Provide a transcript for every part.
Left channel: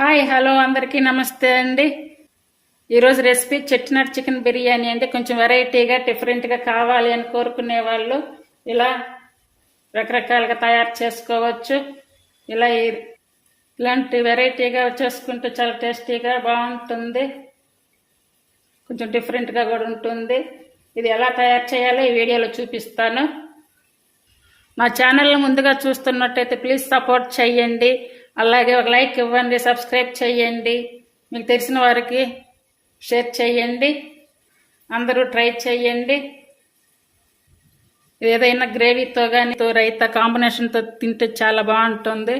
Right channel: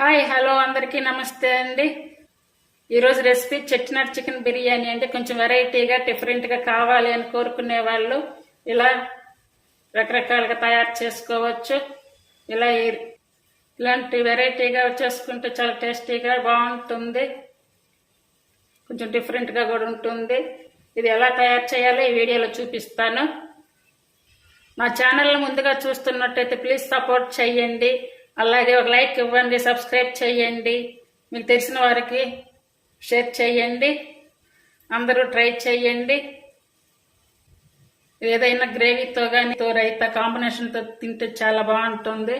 Hi hello అందరికీ నమస్తే అండి. ఈరోజు రెసిపీ చెట్టినట్ చికెన్ బిర్యానీ అంటే కొంచెం వెరైటీగా డిఫరెంట్గా కావాలి అని కోరుకునే వాళ్ళు ఇలా రకరకాలుగా తయారు చేసుకోవచ్చు. ఇలాంటి వెరైటీగా చేసుకుంటే చాలా టేస్టీగా బాగుంటుంది, కొంచెం డిఫరెంట్గా కూడా ఉంటుంది. ఇది ఎలా తయారు చేయాలో ఈ వీడియోలో చూపిస్తాను. నా ఛానల్ని ముందుగా చూస్తున్నట్టయితే ప్లీజ్ సపోర్ట్ చేయండి, అలాగే ఒక లైక్ ఇవ్వండి, సబ్స్క్రైబ్ చేయండి, మీకు తెలిసిన వారికి షేర్ చేయండి, అందరూ ట్రై చేయండి. ఏదైనా గ్రేవీతో కానీ రైతా కాంబినేషన్తో తింటే చాలా బాగుంటుంది.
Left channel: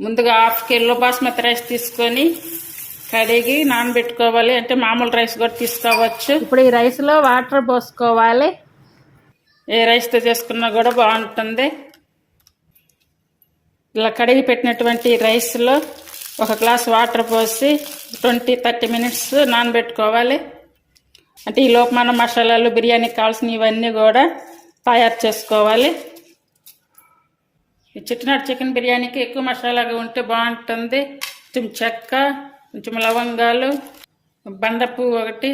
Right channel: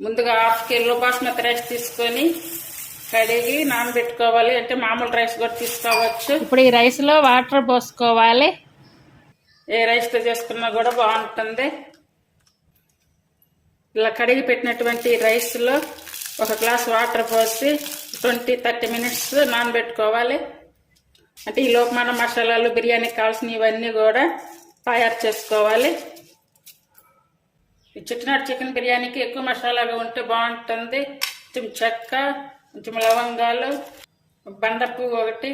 ముందుగా హాఫ్ కిలో బాస్మతి రైస్ తీసుకొని కడిగి నానబెట్టుకోవాలి. అంటే మామూలు రైస్ కూడా తీసుకోవచ్చు. ఇప్పుడు ఈ రైస్లో వాటర్ పోసుకోవాలి. ఏ రైస్తో చేసుకున్నా కూడా బాగుంటుంది. ఇలా కడిగి పెట్టినటువంటి రైస్లో ఒక గ్లాస్ వాటర్ పోసి 20-30 మినిట్స్ నానబెట్టుకోవాలి. అంటే ఈ లోపు మన మసాలాలు బిర్యానీకి కావాల్సిన ఇవన్నీ కూడా తయారు చేసుకోవాలి. ఈ చెట్టినట్ చికెన్ బిర్యానీకి ఎక్కువ మసాలాగా ఉంటే బాగుంటుంది. కొంచెం చెక్క, కొంచెం లవంగాలు, బండపువ్వు ఒకటి,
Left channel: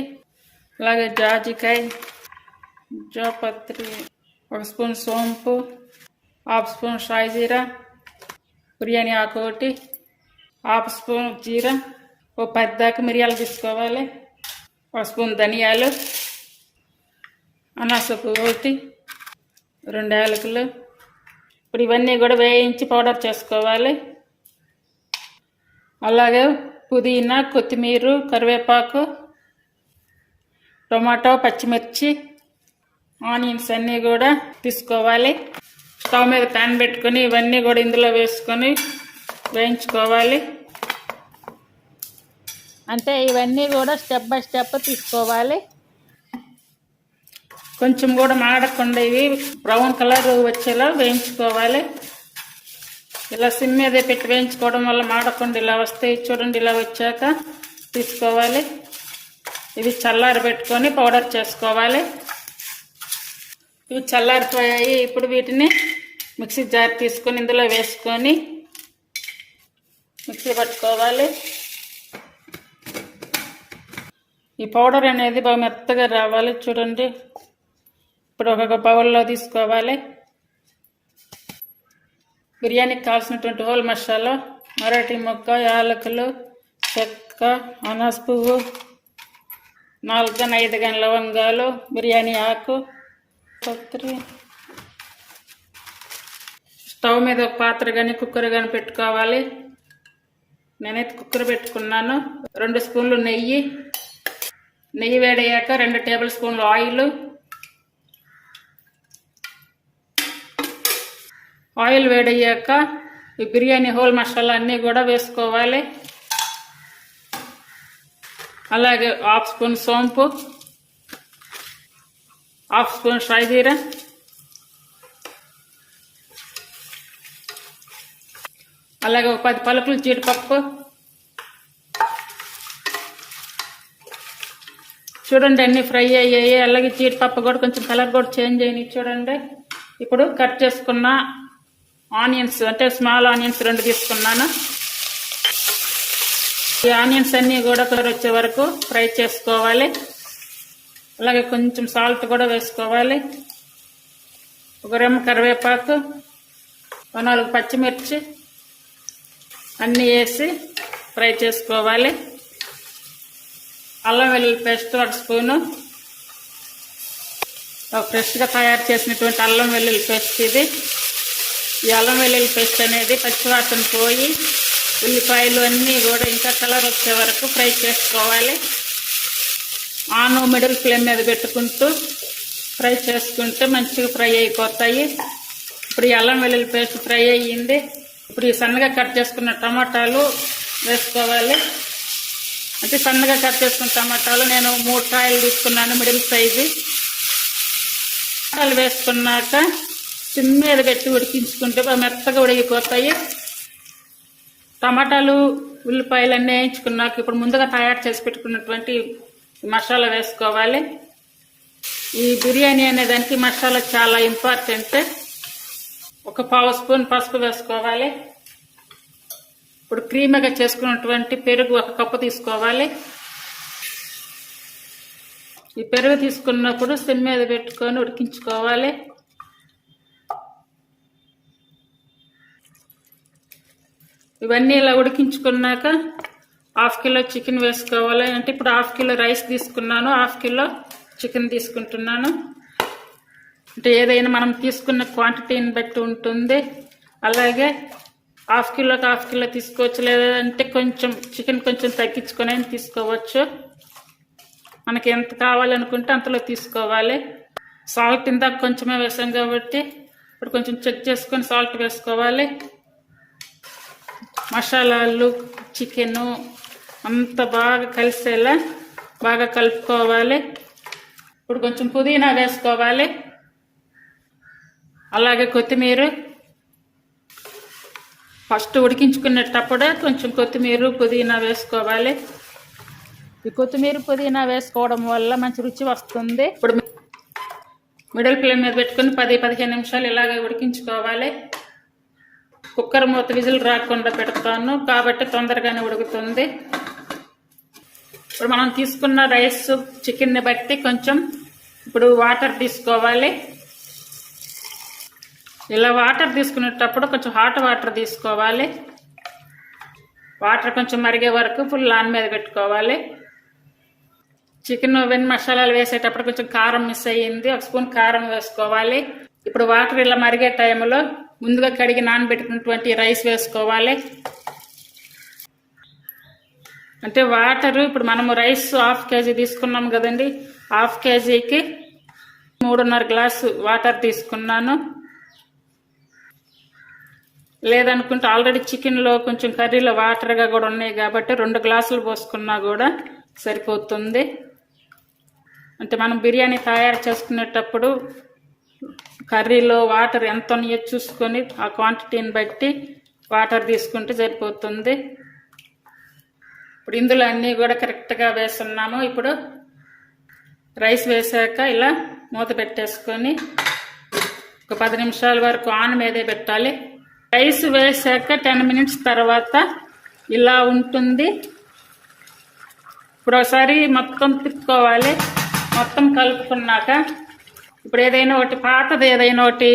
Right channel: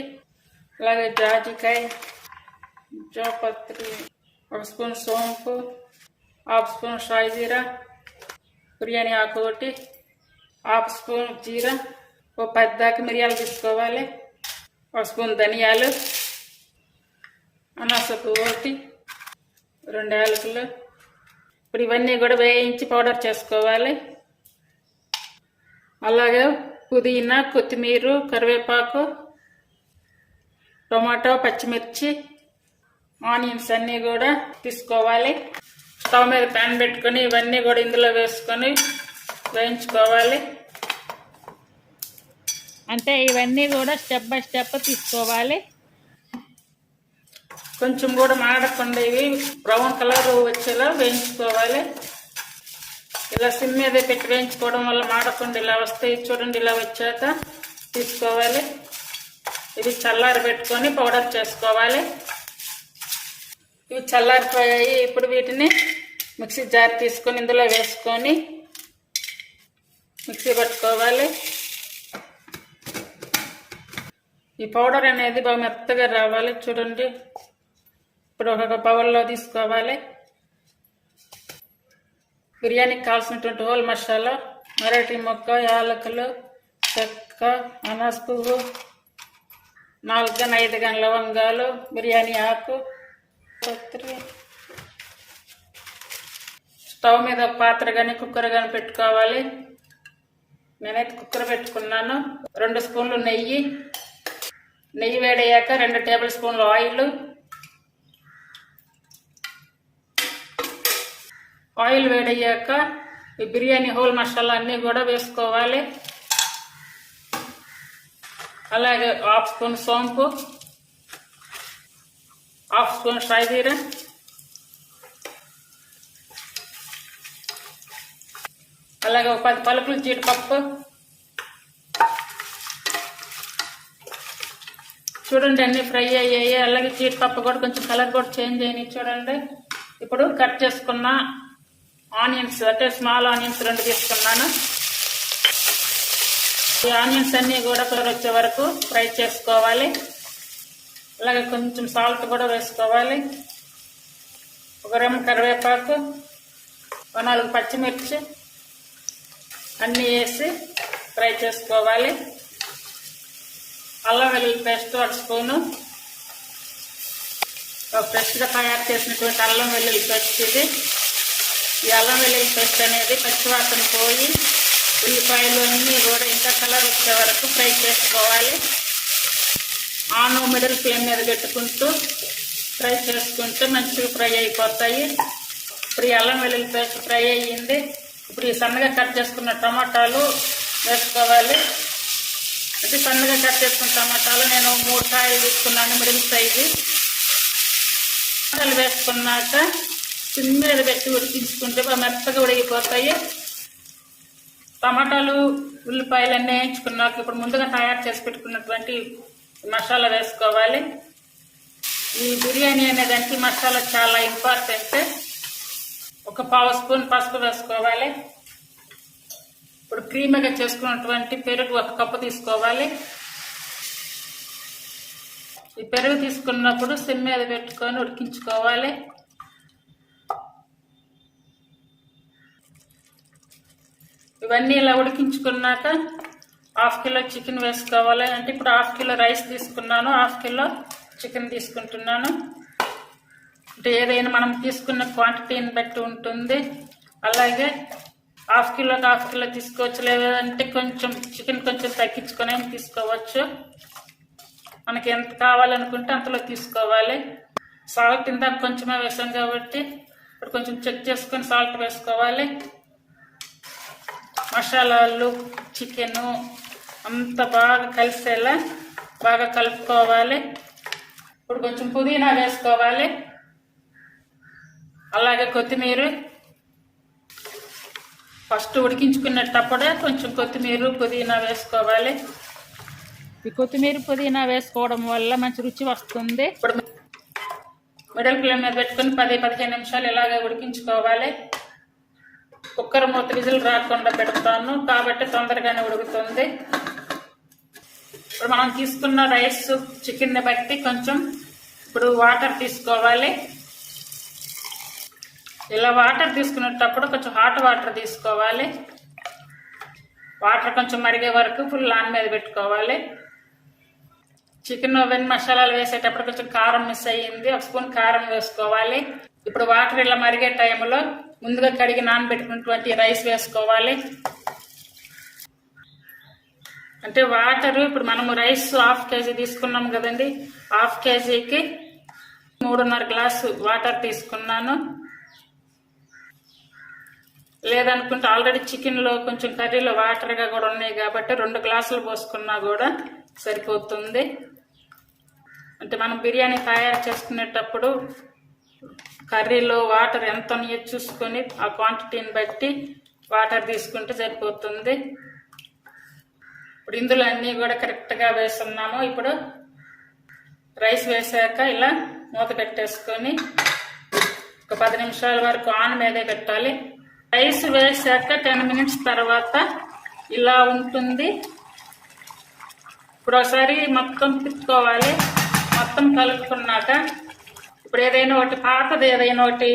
అలాగే జాజికాయ, జాపత్రి, 1 స్పూన్ సోంపు, 1/2 స్పూన్ షాజీరా, బిర్యానీ ఆకు ఒకటి, 1/2 స్పూన్ జీరా, 10 దాకా మిరియాలు తీసుకోవాలి, 1 స్పూన్ ధనియాలు, అనాస పువ్వు ఒకటి, 2 యాలకులు. ఇప్పుడు ఇవన్నీ కూడా వేయించి పౌడర్ చేసుకోవాలి. అలాగే పుదీనా, కొత్తిమీర, కరివేపాకు, టొమాటో, పచ్చిమిర్చి, ఆనియన్స్ అన్నీ కూడా తీసుకోవాలి. స్టవ్ మీద ప్యాన్ పెట్టుకొని ఇవన్నీ కూడా ఇందులో వేసుకొని వేయించుకోవాలి. అంటే ఇవన్నీ కూడా స్టెప్ బై స్టెప్ తీసుకోవాలి. కొంచెం కూడా మాడకుండా ఇవి బ్రౌన్ కలర్ వచ్చేలా వేయించుకోవాలి. ఇలా సిమ్ మీద పెట్టి వేయించుకోవడం వల్ల మాడకుండా ఇలా వస్తాయి. చూడండి, ఇలా వచ్చాక తీసుకోవాలి. ఇవి చల్లారి పెట్టుకొని పౌడర్ చేసుకోవాలి. ఇవి చల్లారిపోయాయి. ఇప్పుడు వీటిని మిక్సీ జార్ తీసుకొని ఇందులో వేసుకొని మిక్సీ పట్టుకోవాలి. ఈ పౌడర్ అనేది బాగా మెత్తగా రావాలి. చూడండి, ఇప్పుడు ఒక బౌల్లో తీసుకోవాలి. బిర్యానీకి కావాల్సినటువంటి హోల్ మసాలా, మరాఠీ మొక్క, యాలకులు, చెక్క, అనాస పువ్వు, 4-5 లవంగాలు, బిర్యానీ ఆకు, పత్రి. స్టవ్ మీద ఒక పాత్ర కానీ కుక్కర్ కానీ పెట్టుకోవాలి. నేనైతే కుక్కర్ పెట్టుకున్నాను. 2 స్పూన్లు నెయ్యి వేడయ్యాక 2 టేబుల్ స్పూన్లు ఆయిల్ వేడయ్యాక ఈ బిర్యానీ హోల్ మసాలా అన్నీ కూడా వేసుకోవాలి. అలాగే 1/2 స్పూన్ సోంపు, 1/2 స్పూన్ షాజీరా, అలాగే ఒక 10 పలుకులు జీడిపప్పు. చూడండి, అన్నీ ఫ్రై అయ్యాయి. అలాగే జీడిపప్పు కూడా కొంచెం కలర్ కూడా చేంజ్ అయినాయి. చూడండి, ఇప్పుడు కట్ చేసుకున్న ఆనియన్స్, అంటే స్మాల్ ఆనియన్స్ 2 తీసుకున్నాను. ఈ ఆనియన్స్ అన్నీ కూడా కలర్ వచ్చే వరకు ఫ్రై చేసుకోవాలి. అలాగే కొంచెం సాల్ట్ కూడా వేసుకోవాలి. 1 రెమ్మ కరివేపాకు, 4 పచ్చిమిర్చి అన్నీ వేసి ఫ్రై చేసుకోవాలి. అల్లం వెల్లుల్లి పేస్ట్ 1 స్పూను, ఫ్రెష్గా తయారు చేసినటువంటి అల్లం వెల్లుల్లి పేస్ట్ ఇది. ఈ అల్లం వెల్లుల్లి పేస్ట్ అనేది పచ్చివాసన పోయి ఉల్లిపాయలు అన్నీ కూడా ఇంకా కలర్ వచ్చే వరకు ఫ్రై చేసుకోవాలి. మిడిల్ ఫ్లేమ్ మీద పెట్టుకుంటూ ఫ్రై చేసుకుంటే మంచిగా ఫ్రై అయిపోతాయి. ఇప్పుడు ఈ అల్లం వెల్లుల్లి పేస్ట్ ఫ్రై అయ్యింది. ఇప్పుడు ఈ సన్నగా కట్ చేసుకున్న టమాటాలు వేసుకోవాలి. అంటే సన్నగా కట్ చేసుకున్న టమాటాలు నేను 3 కాయలు తీసుకున్నాను, మిడిల్ సైజు. టమాటాలు వేసుకున్నాక సిమ్ మీద పెట్టి ఉడికించుకుంటే మెత్తగా ఉడికిపోతాయి. టమాటాలు, ఉల్లిపాయలు అన్నీ వేయించుకున్నాక ఇప్పుడు ముందుగా తయారు చేసి పెట్టుకున్నటువంటి మసాలా వేసుకోవాలి. ఈ బిర్యానీ అనే దానికి మసాలా చాలా ఇంపార్టెంట్. ఒక పావు స్పూన్ పసుపు వేసుకోవాలి. ఇప్పుడు క్రీమీగా చేసుకున్నటువంటి పెరుగు 1 కప్పు తీసుకోవాలి. ఈ పెరుగు తీసుకున్నప్పుడు సిమ్ మీద పెట్టుకొని ఉడికించుకోవాలి. ఇవన్నీ ఇలా ఉడికించుకున్నాక 1/2 కిలో చికెన్ వేసుకోవాలి. అంటే ఇప్పుడు 1/2 కిలో రైస్ తీసుకున్నాను, 1/2 కిలో చికెన్ తీసుకుంటున్నాను. అంటే ఏదైనా మనం తీసుకున్న క్వాంటిటీని బట్టి ఉంటుంది. అలాగే 1/2 కిలోకి 1/2 కిలో తీసుకోవచ్చు, లేదంటే కొంచెం చికెన్ కొంచెం తగ్గించుకొని తీసుకోవచ్చు. మనకి ఎంత కావాలనుకుంటే అంతలో తీసుకోవాలి. సాల్ట్ ఇందాక కొంచెమే వేసాం కాబట్టి ఇప్పుడు కొంచెం చెక్ చేసుకొని సాల్ట్ వేసుకోవాలి. మసాలాలు చికెను అంత బాగా కలిసేలా బాగా కలుపుకోవాలి. ఇప్పుడు కొంచెం పుదీనా వేసుకోవాలి, అలాగే కొత్తిమీర. ఫస్ట్ ఉడికించుకునేటప్పుడే కొంచెం కొత్తిమీర పుదీనా వేసుకోవాలి. ఈ కొత్తిమీర పుదీనా వేసుకోవడం వల్ల మంచి రుచి వస్తుంది. ఇప్పుడు మిడిల్ ఫ్లేమ్ మీద పెట్టుకుని 10-15 నిమిషాలు ఇలాగే ఉడికించుకోవాలి. కుక్కర్ మూత విజిల్ రాకుండా పెడతాను కాబట్టి తొందరగానే ఉడుకుతుంది. ఇప్పుడు మనం తీసుకున్న రైస్ చికెన్ని బట్టి కొంచెం ఇప్పుడు వాటర్ తీసుకోవాలి. ఇలా వాటర్ తీసుకునేటప్పుడు కొంచెం హాట్ వాటర్ తీసుకోవాలి. వాటర్ కొంచెం మరిగే వరకు ఫుల్ ఆన్ మీద పెట్టుకోవాలి. చికెన్ వెన్ మసాలాలు వేసేటప్పుడు కొంచెం కారం మిస్ అయ్యింది, 1 స్పూన్ కారం వేసుకోవాలి. ఇప్పుడు వాటర్ ఇలా మరిగే టైంలో ముందుగా కడిగి నానబెట్టుకున్నటువంటి రైస్ వేసుకోవాలి. అంటే వాటర్ ఇప్పుడు మనము రైస్ 1/2 కేజీ తీసుకున్నాం కదండి, 1/2 కేజీకి 3.5 గ్లాసు వాటర్ తీసుకున్నాను. లేదనుకుంటే ఆల్రెడీ చికెన్లో కొంచెం కర్రీలో వాటర్గా కూడా ఉన్నాయి కాబట్టి 2 గ్లాసులు పోసుకున్నా కూడా సరిపోతుంది. అంటే మనం బిర్యానీ తయారు చేసుకునేటప్పుడు కర్రీలో వాటర్ ఎంత ఉన్నాయో చూసుకొని ఆ క్వాంటిటీని బట్టి వాటర్ తీసుకుంటే సరిపోతుంది. ఇప్పుడు ఇందులో అన్నీ కూడా కరెక్ట్గా వేస్తున్నాము. ఇప్పుడు రైస్ వేసాక ఇలా మూత పెట్టేసుకొని ఒక 10 నిమిషాల వరకు ఆన్ మీదే పెట్టాలి. రైస్ వేసాక 10 మినిట్స్ తర్వాత ఇలా ఉంటుంది. ఇప్పుడు ఒకసారి మొత్తం తిప్పుకోవాలి. మొత్తం కలుపుకున్నాక ఇప్పుడు ఏదైనా ఒకటి పాతది, ఏదైనా ఒకటి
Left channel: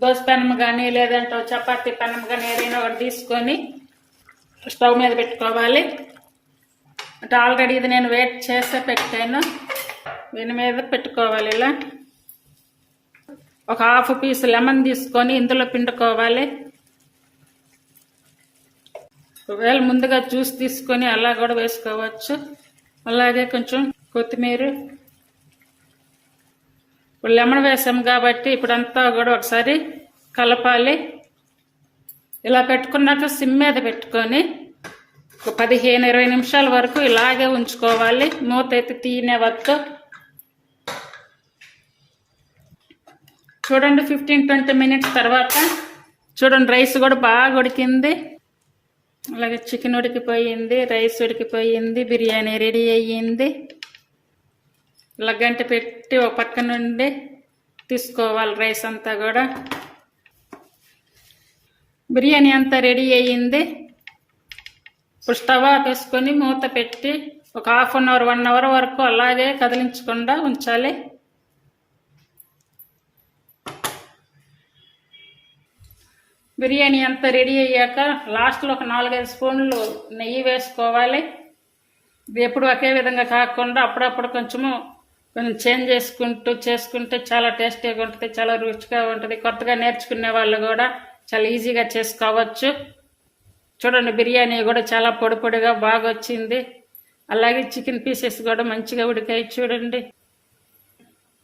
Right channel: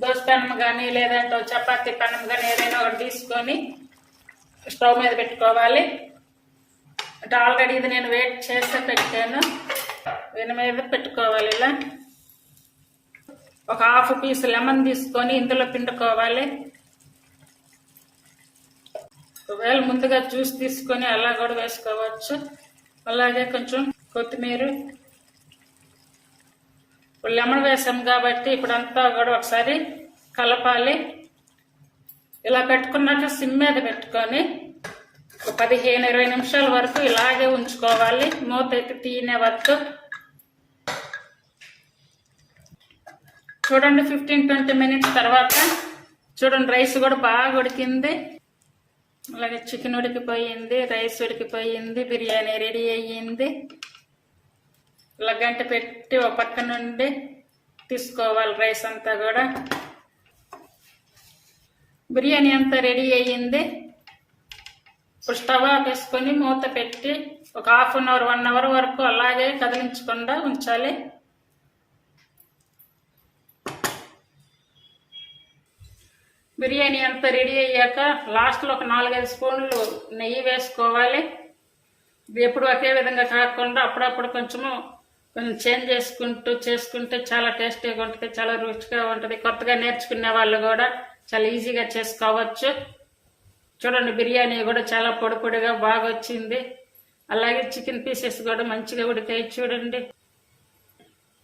దోశ పెనం కానీ లేదంటే చపాతీ పెనం కానీ ఏదైనా ఒకటి తీసుకొని స్టవ్ మీద పెట్టుకోవాలి. అంటే ఆల్రెడీ ఇది నేను వెయిట్ చేసే పెట్టాను, దీని మీద పెట్టుకోవాలి. ఇలా ఒక 1/2 పీస్ లెమన్ తీసుకొని ఇందులో పిండుకోవాలి. ఒకవేళ ముందుగా జ్యూస్ తీసుకొని అలా కూడా వేసుకోవచ్చు. అలాగే కొంచెం కొత్తిమీర, లెమన్ వేసాం కాబట్టి ఇప్పుడంతా కూడా ఒకసారి కలపాలి. ఇలా పెట్టుకున్నాక సిమ్ మీద పెట్టుకొని ఒక 15-20 నిమిషాల వరకు ఇలాగే ఉంచుకోవాలి. మూత అయితే తీయనివ్వద్దు. చూడండి 15-20 మినిట్స్ తర్వాత చూడండి రైస్ కూడా బాగా ఉడికింది. అలాగే చికెన్ ఉడికిపోయింది, రైస్ ఉడికిపోయింది, బిర్యానీ రెడీ అయ్యింది. ఇలా గంట పెట్టి ఒక పక్క నుండి తీసుకోవాలి రైస్ అంతా కూడా. బిర్యానీ అంతా రెడీ అయ్యింది. ఇప్పుడు స్టవ్ ఆపేసుకొని మూత పెట్టి ఒక 1/2 అవర్ 1 అవర్ వరకు అలాగే కదిలించకుండా ఉంచాలి. బిర్యానీ అంతా రెడీ అయ్యాక లాస్ట్లో ఒక 4-5 స్పూన్లు నెయ్యి వేసుకోవాలి. ఇది ఎప్పుడు ఒకే విధంగా కాకుండా అప్పుడప్పుడు కొంచెం చేంజ్ చేసుకుంటే చాలా టేస్టీగా ఉంటుంది, చాలా రుచిగా ఉంటుంది. కొత్తగా నేర్చుకునే వాళ్ళు కూడా చాలా ఈజీగా చేసుకోవచ్చు. చూడండి బిర్యానీ కూడా చాలా పొడి పొడిగా బాగా వచ్చింది. అలాగే చికెన్ పీసెస్ కూడా మంచిగా ఉడికాయి. చూడండి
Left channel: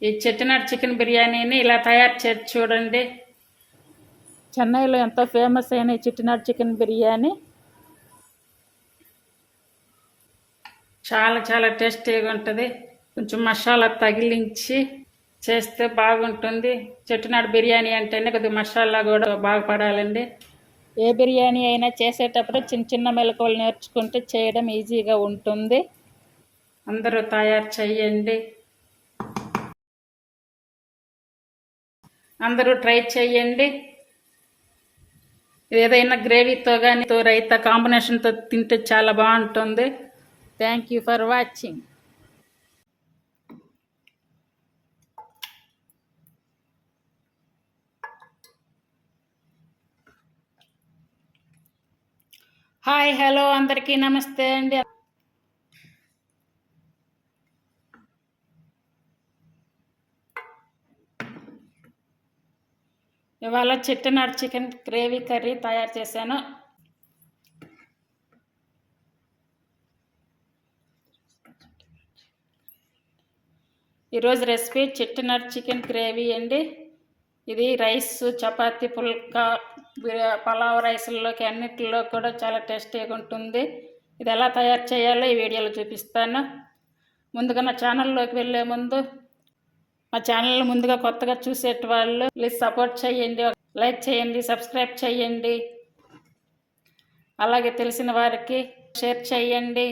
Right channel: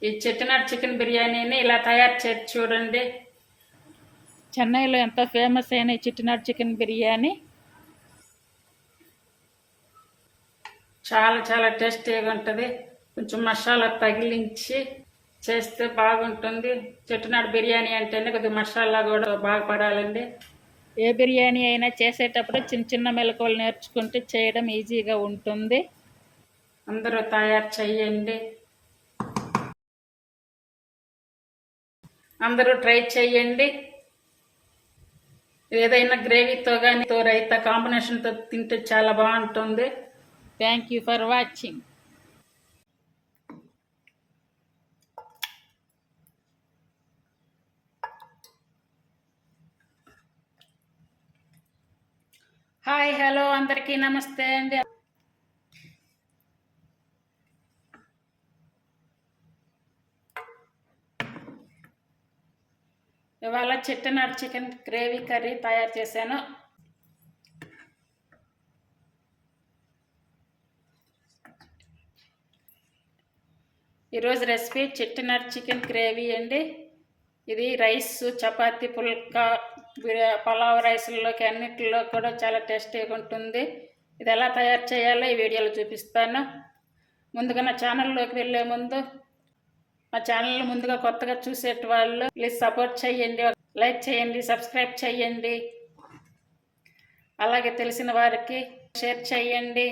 ఈ చెట్టినాడు చికెన్ బిర్యానీని ఇలా తయారు చేసి చూడండి. చెన్నైలో ఎంతో ఫేమస్ అయిన ఈ చెట్టినాడు చికెన్ బిర్యానీ చాలా చాలా టేస్టీగా ఉంటుంది. కొంచెం మసాలా తగిలించి చేస్తే బాగుంటుంది. చెట్టినాడు బిర్యానీ అంటేనే కొద్దిగా మసాలా కూడా బాగా పడాలండి. ఏ బిర్యానీ అయినా చేసేటప్పుడు చిన్న చిన్న మెలకువలు నేర్చుకుంటే చేయడం ఈజీగా ఉంటుంది. అందరూ తయారు చేయండి, అందరూ ట్రై చేయండి. ఏదైనా గ్రేవీతో కానీ రైతా కాంబినేషన్తో తింటే చాలా బాగుంటుంది. Thank you for watching. Hi, hello, అందరికీ నమస్తే అండి. ఇవాళ చెట్టినాడు చికెన్ గ్రేవీ కర్రీ తయారు చేశాను. ఈరోజు రెసిపీ చెట్టినాడు చికెన్ గ్రేవీ అండి. ఇది రైస్, చపాతీ, పుల్కా, పలావ్ రైస్లోకి అన్నిటిలో కూడా చాలా టేస్టీగా ఉంటుంది. ఇది ఎలా తయారు చేయాలో ఈ వీడియోలో చూపిస్తాను. ముందుగా నా ఛానల్లోకి వెళ్ళే ముందు మా ఛానల్ ముందుగా కొత్తగా చూసేటి వాళ్ళు ప్లీజ్ సపోర్ట్ చేయండి, లైక్ చేయండి, సబ్స్క్రైబ్ చేయండి. అలాగే తెలిసిన వారికి షేర్ చేయండి.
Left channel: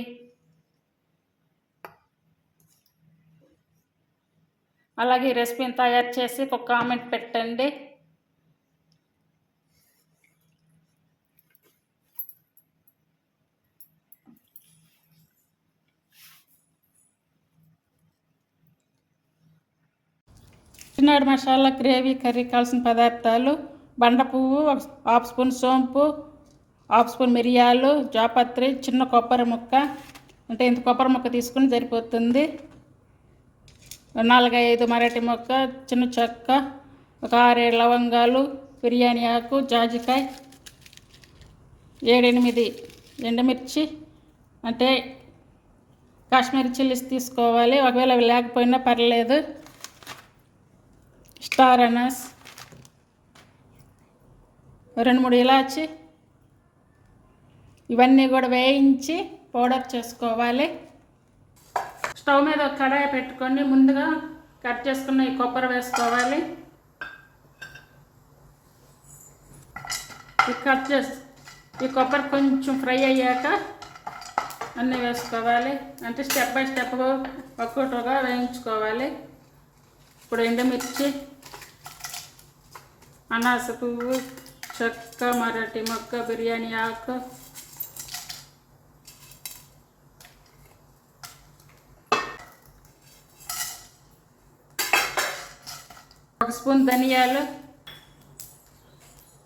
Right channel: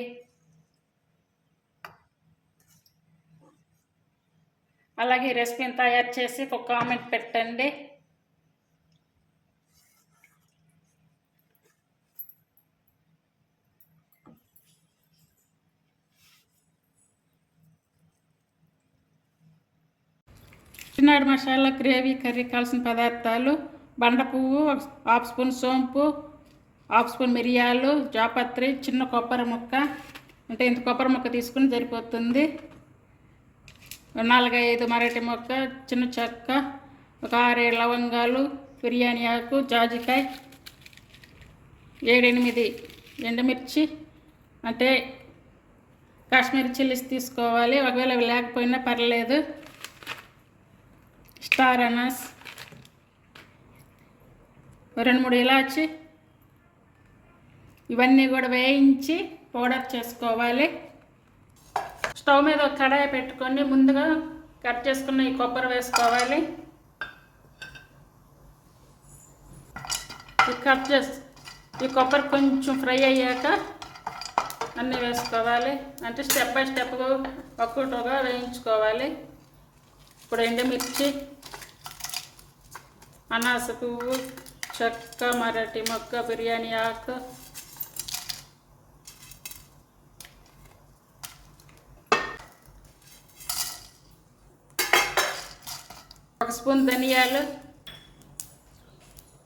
అలాగే ఈ రెసిపీని తయారు చేసి ఒక కామెంట్ పెట్టండి. చెట్టినాడు మసాలా గ్రేవీ కర్రీ కావాల్సిన పదార్థాలు: బండ పువ్వు, 1/2 స్పూన్ సోంపు, 1/2 స్పూన్ మిరియాలు, జాపత్రి, చిన్న కొబ్బరి ముక్క, అంటే ఇంత కొబ్బరి ముక్క తీసుకుని సరిపోతుంది, 4-5 మరాఠీ మొక్క, చిన్న చెక్క, ఒక 6-7 లవంగాలు, బిర్యానీ ఆకు, జాజికాయ, 7-8 ఎండుమిర్చి, అంటే కాశ్మీరీ చిల్లీస్ తీసుకోవాలి. ఒకవేళ అవి లేకపోయినా పర్లేదు. స్టార్ అనాస్, 2-3 ఇలాచి, ఇవన్నీ కూడా వేయించి పౌడర్ చేసుకోవాలి. స్టవ్ మీద ఒక కడాయి పెట్టుకొని ముందుగా కట్ చేసుకున్న ఈ కొబ్బరి వేసుకోవాలి. ఈ కొబ్బరి కొంచెం ఫ్రై అయ్యాక అన్నీ వేసుకోవాలి. అంటే స్టెప్ బై స్టెప్ ఒక్కొక్కటిగా వేయించుకోవాలి. ఇప్పుడు ఎండుమిర్చి, అనాస పువ్వు, చెక్క, మరాఠీ మొక్క, బిర్యానీ ఆకు, ఒక స్పూన్ ధనియాలు,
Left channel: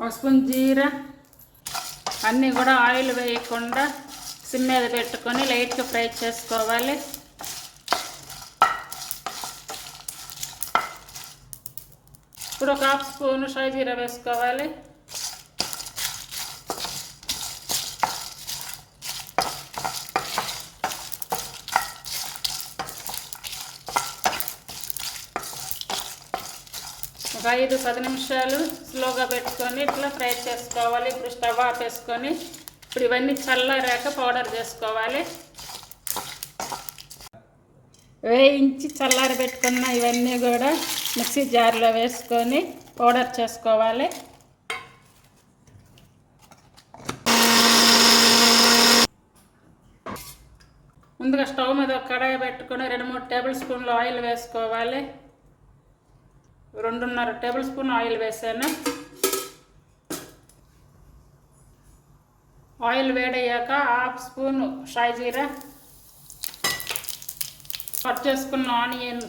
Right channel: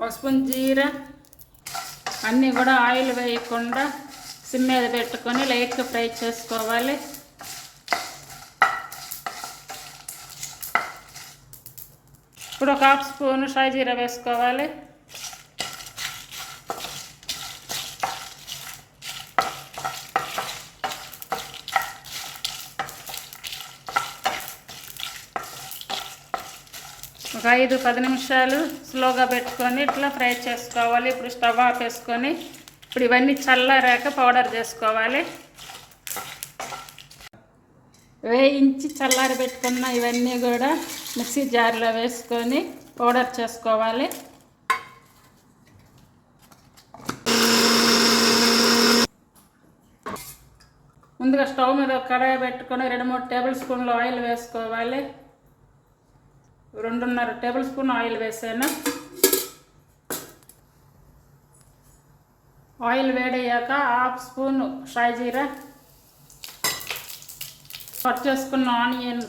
1 స్పూన్ జీరా, అన్నీ కూడా ఆయిల్ వేయకుండా సిమ్ మీద పెట్టుకొని లైట్గా ఫ్రై చేసుకోవాలి. ఇప్పుడు ఒక 1/2 స్పూన్ షాజీరా వేసుకోవాలి. ఒక 5-10 నిమిషాలు స్లోగా పెట్టుకొని ఇట్లా ఫ్రై చేసుకోవాలి. ఇప్పుడు స్టవ్ ఆపేసుకొని ఇప్పుడు ఇవన్నీ చల్లారాక పౌడర్ చేసుకోవాలి. వేయించి చల్లారి పెట్టుకున్న ఇవన్నీ కూడా మిక్సీ జార్లో వేసుకొని పౌడర్ చేసుకోవాలి. ముందుగా స్టవ్ మీద ఒక కడాయి పెట్టుకొని 2-3 టేబుల్ స్పూన్లు ఆయిల్ వేసుకోవాలి. 2.5 టేబుల్ స్పూన్ ఆయిల్ వేసాను. ఆయిల్ వేడయ్యాక 1/2 స్పూన్ షాజీరా, కట్ చేసుకున్న ఆనియన్,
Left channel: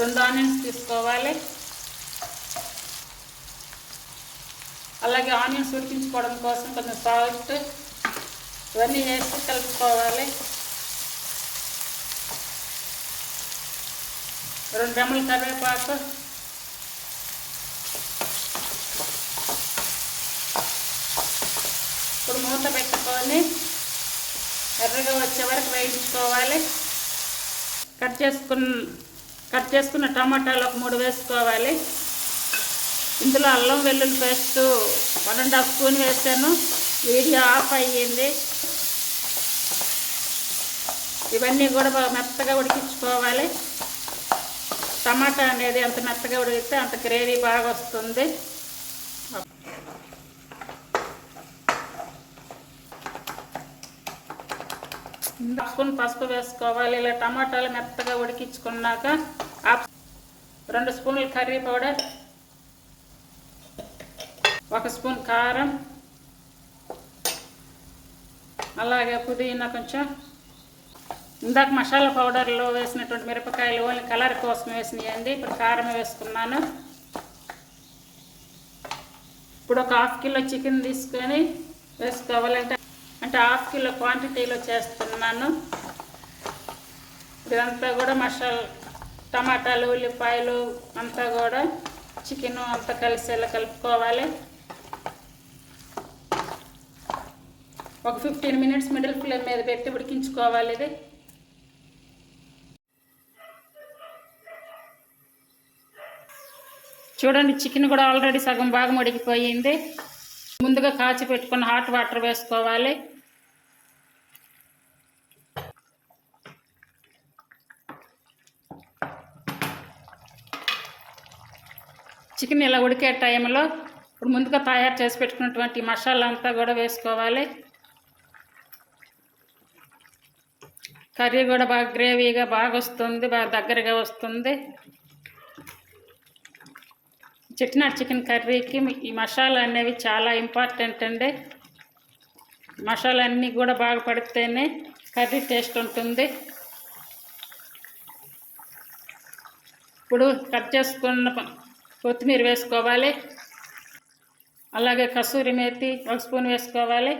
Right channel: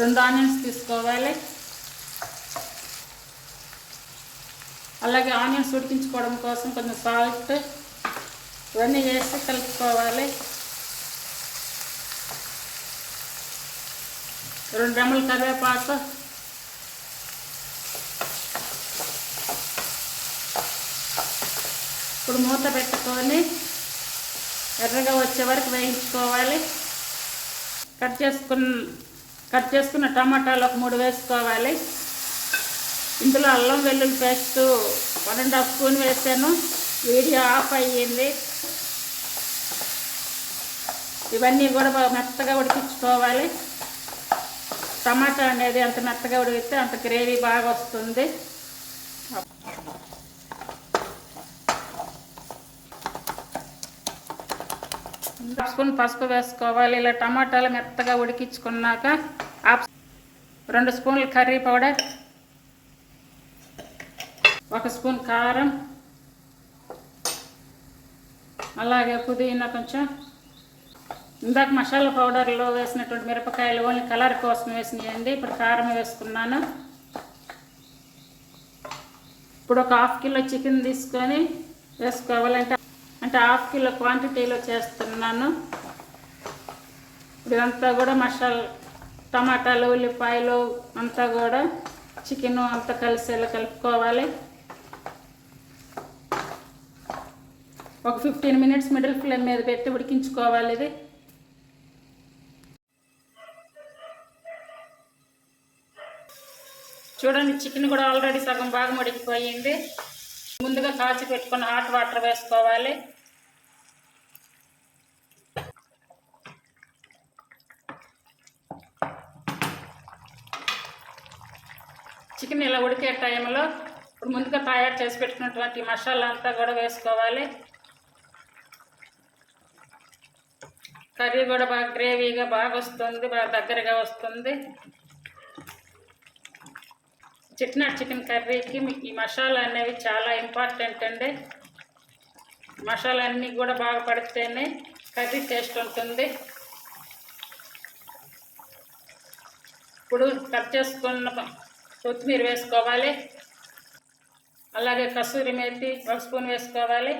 రెండు ఆనియన్స్ తీసుకోవాలి. అలాగే ఆనియన్స్ ఉడికించుకోవడం కోసం కొంచెం సాల్ట్ ఇవన్నీ వేసి కలుపుకోవాలి. 2 రెమ్మల కరివేపాకు, ఇప్పుడు మూత పెట్టుకొని ఎర్రగా వచ్చే వరకు వేయించుకోవాలి. కట్ చేసుకున్న టమాటాలు ఒక 3 వేసుకోవాలి. ఇందులో అల్లం వెల్లుల్లి పేస్ట్ 1.5 స్పూన్ వేసాను. వీడియో ఆఫ్ అయ్యింది. ఇవన్నీ కూడా మెత్తగా ఉడికించుకోవాలి. టమాటా అనేది ఎంత మెత్తగా ఉడికితే అంత గ్రేవీ బాగా వస్తుంది. 1 స్పూన్ పసుపు వేసుకోవాలి. ఇలా టమాటాలు మెత్తగా ఉడికించుకున్నాక 2 స్పూన్లు కర్రీ పౌడర్, 1 స్పూన్ కారం, అలాగే పుదీనా కొంచెం. ఇందాక మసాలా పౌడర్లో వేసినటువంటి మిరపకాయలు ఓన్లీ కలర్ కోసం వేసినాయండి. ఇప్పుడు కారం వేసుకున్నాను. ఇప్పుడు ఒక 1/2 కిలో చికెన్ తీసుకొని వేసుకోవాలంటే అంటే 1/2 కిలో క్వాంటిటీలో చేస్తున్నాను. ఇదంతా కూడా మసాలా టమాటాలు ఉల్లిపాయలు అంతా కూడా చికెన్ అంతా కలిసేలా కలుపుకోవాలి. ఒక 15 మినిట్స్ మిడిల్ ఫ్లేమ్ మీద పెట్టి ఉడికించుకోవాలి. ఇది చూడండి, చికెన్ కూడా ఆల్రెడీ సగం బాగా ఉడికిపోయింది. ముందుగా కాచి పెట్టుకున్న హాట్ వాటర్ వేసుకోవాలి. చికెన్ ఇలా ఉడికే టైంలో ఇప్పుడు ముందుగా తయారు చేసి పెట్టుకున్నటువంటి మసాలా అంతా కూడా వేసుకోవాలి. కర్రీ కూడా బాగా గ్రేవీగా బాగా వస్తుంది, బాగా దగ్గరగా వస్తుంది. చెట్నాడ్ చికెన్ కర్రీకి ఈ మసాలా అనేవి చాలా ఇంపార్టెంట్ అండి. మసాలా అన్నీ కూడా బాగా పడితేనే కర్రీ టేస్ట్ ఉంటుంది. ఇప్పుడు కట్ చేసుకున్న కొత్తిమీర వేసుకోవాలి. అలాగే కసూరి మేతి 1 స్పూన్ వేసుకోవాలి.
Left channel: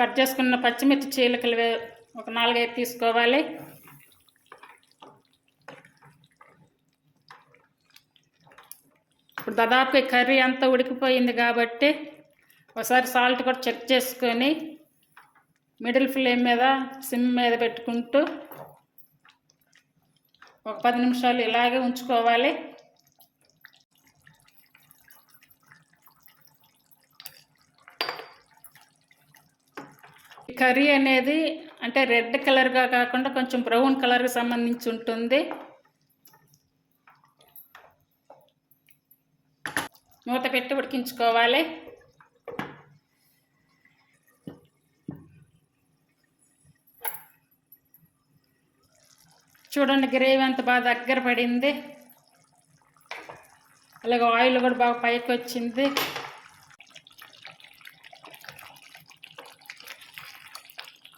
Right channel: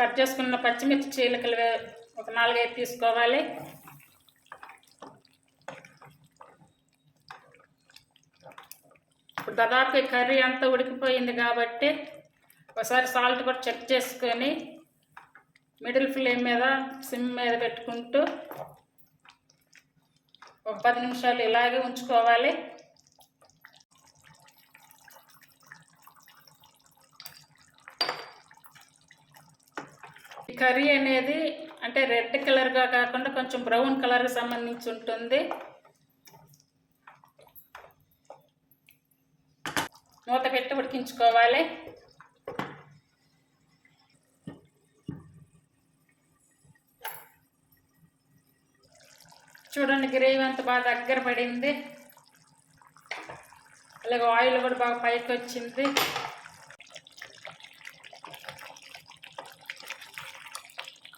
కట్ చేసుకున్న పచ్చిమిర్చి చీలికలు ఒక 4-5 తీసుకోవాలి. ఇప్పుడు దాదాపు కర్రీ అంతా ఉడికిపోయింది కాబట్టి ఒకసారి సాల్ట్ కూడా చెక్ చేసుకొని మిడిల్ ఫ్లేమ్ మీద సిమ్ మీద పెట్టుకుంటూ ఒక 10 నిమిషాలు ఇలాగే ఉంచుకోవాలి. ఈ కర్రీ అనేది అంటే రెడ్ కలర్గా కాకుండా కొంచెం బ్రౌన్ కలర్కి సంబంధించి ఉంటుంది. మూత పెట్టి ఉడికించుకోవాలి. చూడండి, గ్రేవీ అంత బాగా దగ్గర పడింది. అలాగే ఆయిల్ కూడా బాగా పైకి వచ్చింది.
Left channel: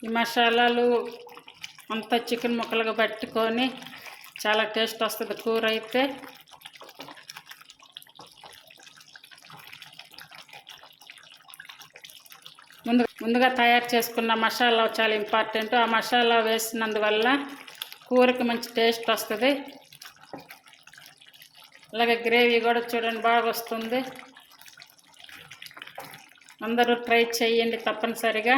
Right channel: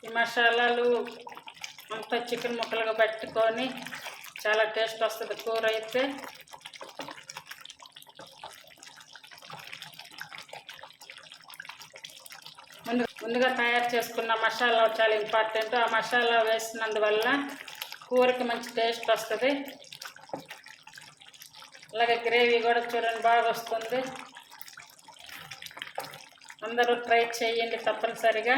ఈ మసాలాలు అంతా చికెన్ ముక్కలుగా పట్టుకొని చాలా టేస్ట్ వస్తుంది కూర అయితే. ముందుగా తయారు చేసుకున్న మసాలా చాలా ఇంపార్టెంట్. ఆ మసాలా వేసినందువల్ల కూరకి మంచి టేస్ట్ వస్తుంది. అలాగే గ్రేవీ కూడా చూడండి బాగా వస్తుంది. అందరూ ట్రై చేయండి తప్పనిసరిగా.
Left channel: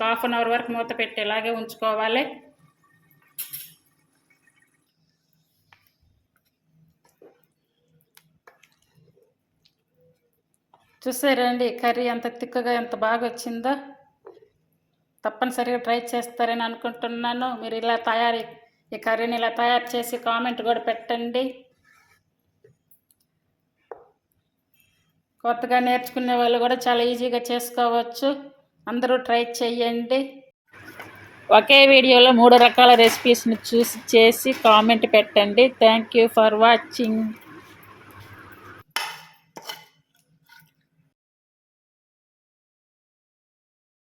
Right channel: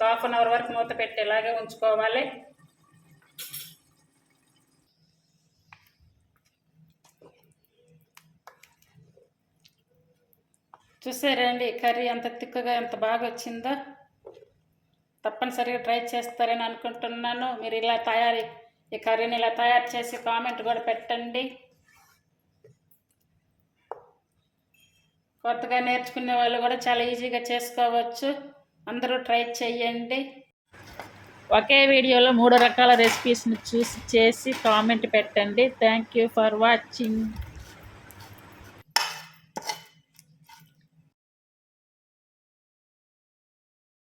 1/2 అవర్ వరకు మూత పెట్టి ఇలాగే ఉంచుకోవాలి. చూసారండి కర్రీ ఎంత తిక్కగా ఎంత బాగా వచ్చిందో. తప్పనిసరిగా ట్రై చేస్తారని అనుకుంటున్నాను. మీరు ఈ కర్రీని ఇలా తయారు చేసి కామెంట్ కూడా పెట్టండి. కొత్తగా నేర్చుకునే వాళ్ళు కూడా చాలా ఈజీగా చేసుకోవచ్చు. అందరూ ట్రై చేయండి. ఒకే వీడియోలో 3 రకాల రెసిపీస్ని చూసి చేసి కామెంట్ పెట్టండి. Thank you for watching.